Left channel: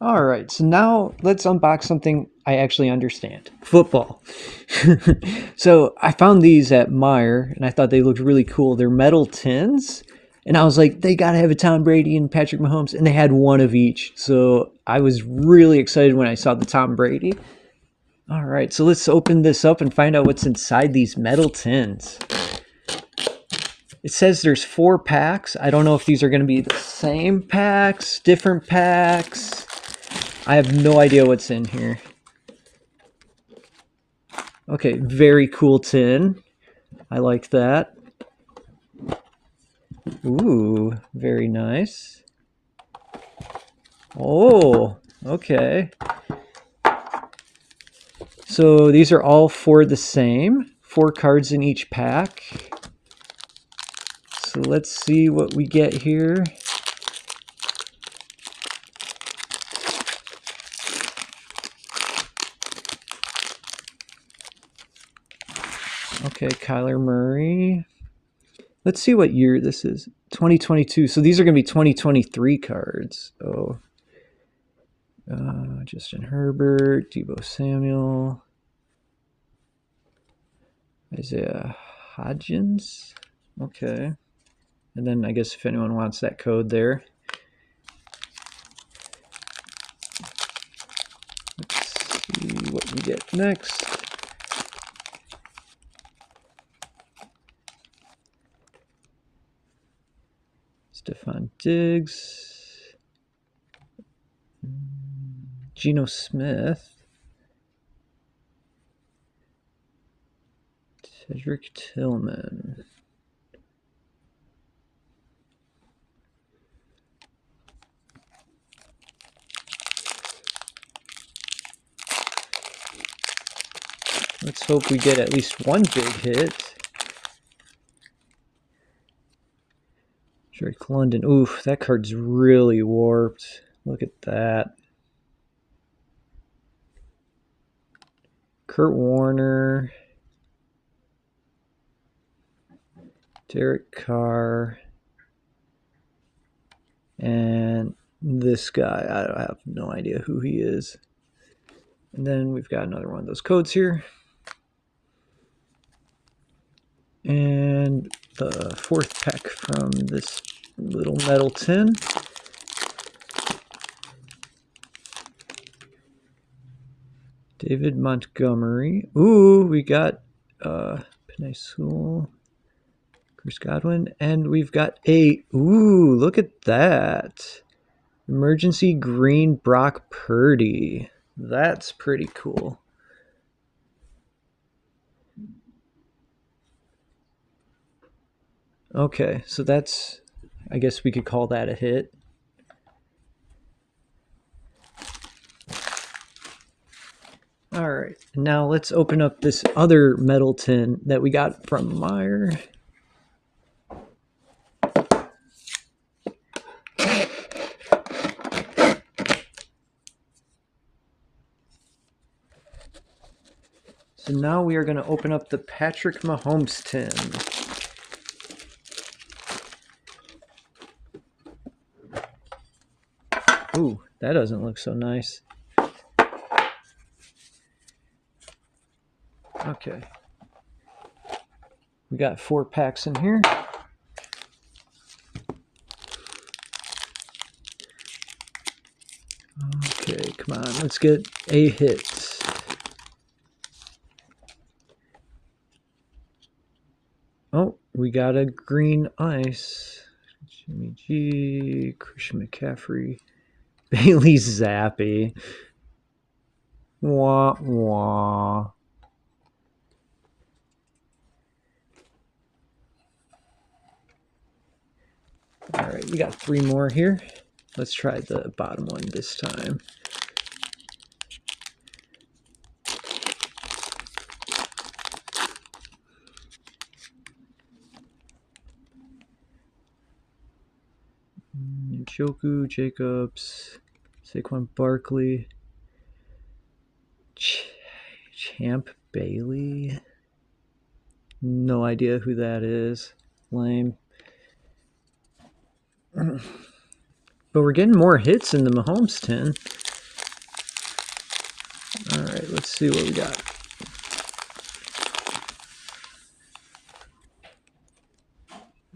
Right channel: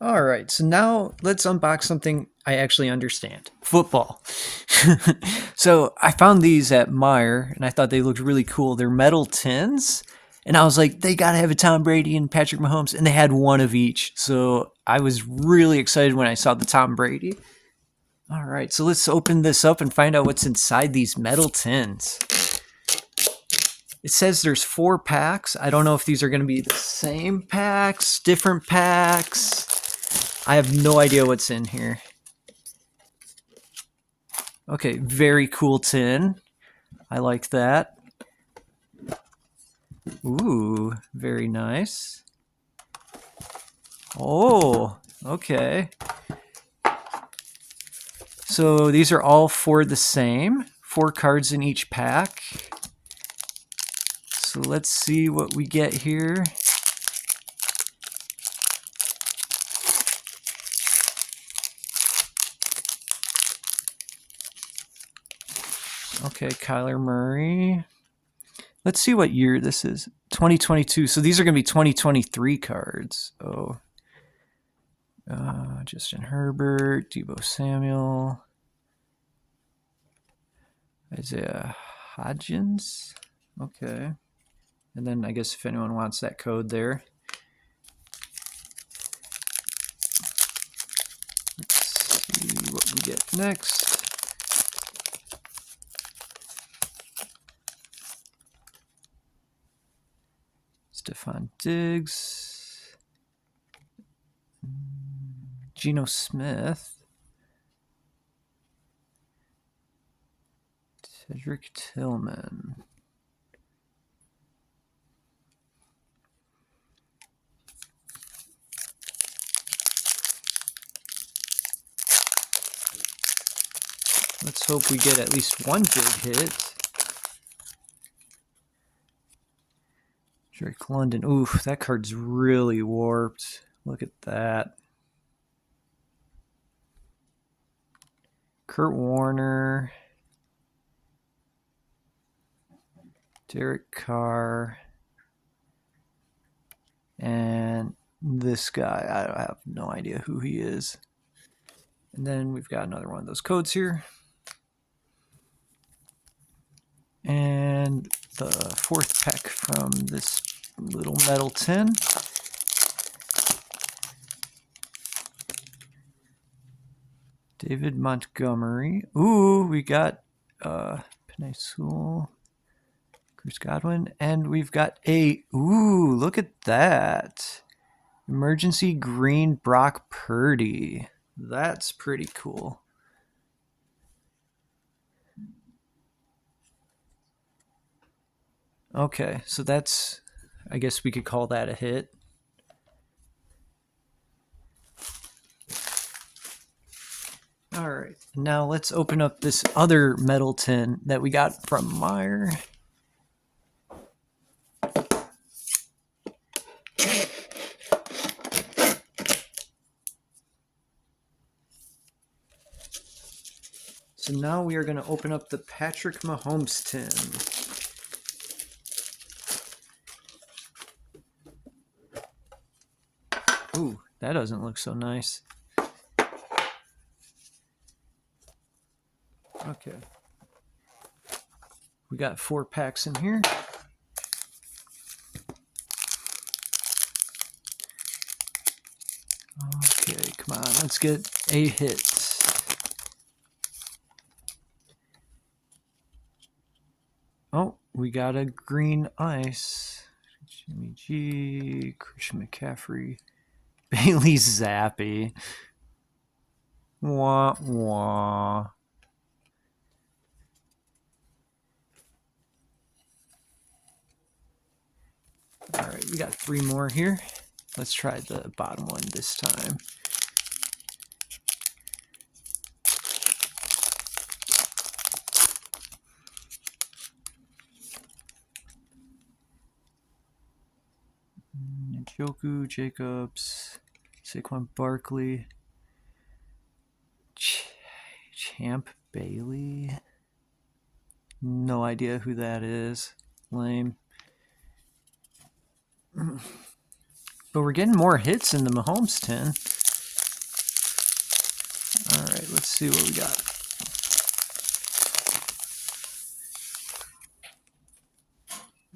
All right, so now let's unbox something I actually understand. Football. So I found these at Meijer and I thought they looked really cool. They're metal tins. And I was like, they gotta have a Tom Brady and Patrick Mahomes. And they had one of each. So I was really excited when I saw the Tom Brady. All right, so let's open this up and find out what's inside these metal tins. It says there's 4 packs. I don't know if these are going to be the same packs, different packs. I have no idea what's in here. Okay, very cool tin. I like that. Ooh, very nice. Oh, okay. So these are all 4 the same. 4 cards in each pack. So let's see what we get here. Okay, Kyler Murray. Let's see what year this is. 2022. So these are going to be 2023 cards. Oh. Justin Herbert, Deebo Samuel, Isaiah Hodgins. Okay. And then I guess if anyone wants that code there. Let's see what we get next. Stephon Diggs. Geno Smith. Cedric Tillman. Let's hope we get at least one big hit. Drake London. Ooh, that card's really warped. Look at that. Kurt Warner. Derek Carr. And this guy, I have no idea who he is. And then we've got another one of those codes here. And the 4th pack from this little metal tin. David Montgomery. Ooh, we got Penei Sewell, Chris Godwin, and we've got ooh, look at that. Emergency green Brock Purdy. That's pretty cool. Okay, so that's, I guess we could call that a hit. All right, now let's open up this other metal tin that we got from Meijer. So now we are going to open up the Patrick Mahomes tin. Ooh, that doesn't look so nice. Okay. We got 4 packs in here. Okay, come on, let's get a hit. Oh, we got a green ice. Jimmy G, Christian McCaffrey, Bailey Zappi. Wah, wah. All right, we got 3 more here. Let's try the bottom one this time. Njoku, Jacobs, Saquon Barkley, Champ Bailey. No idea who that is. Lame. But we're getting more hits in the Mahomes tin. Let's see what we got.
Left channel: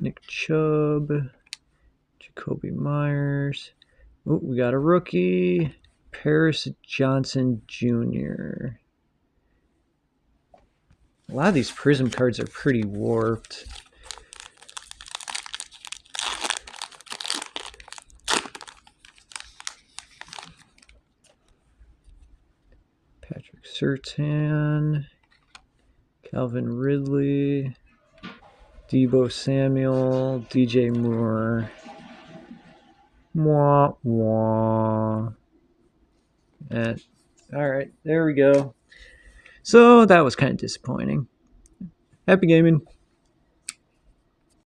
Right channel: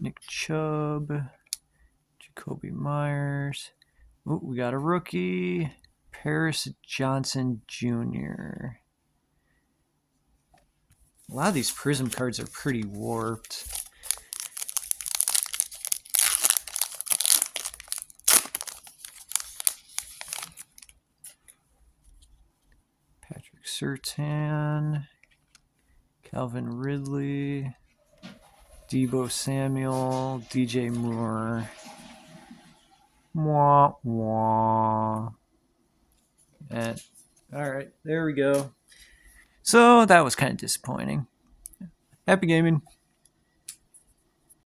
Nick Chubb, Jacoby Myers. Oh, we got a rookie, Paris Johnson Jr. A lot of these Prizm cards are pretty warped. Patrick Surtain, Calvin Ridley, Debo Samuel, DJ Moore. Wah, wah. And, all right, there we go. So that was kind of disappointing. Happy gaming.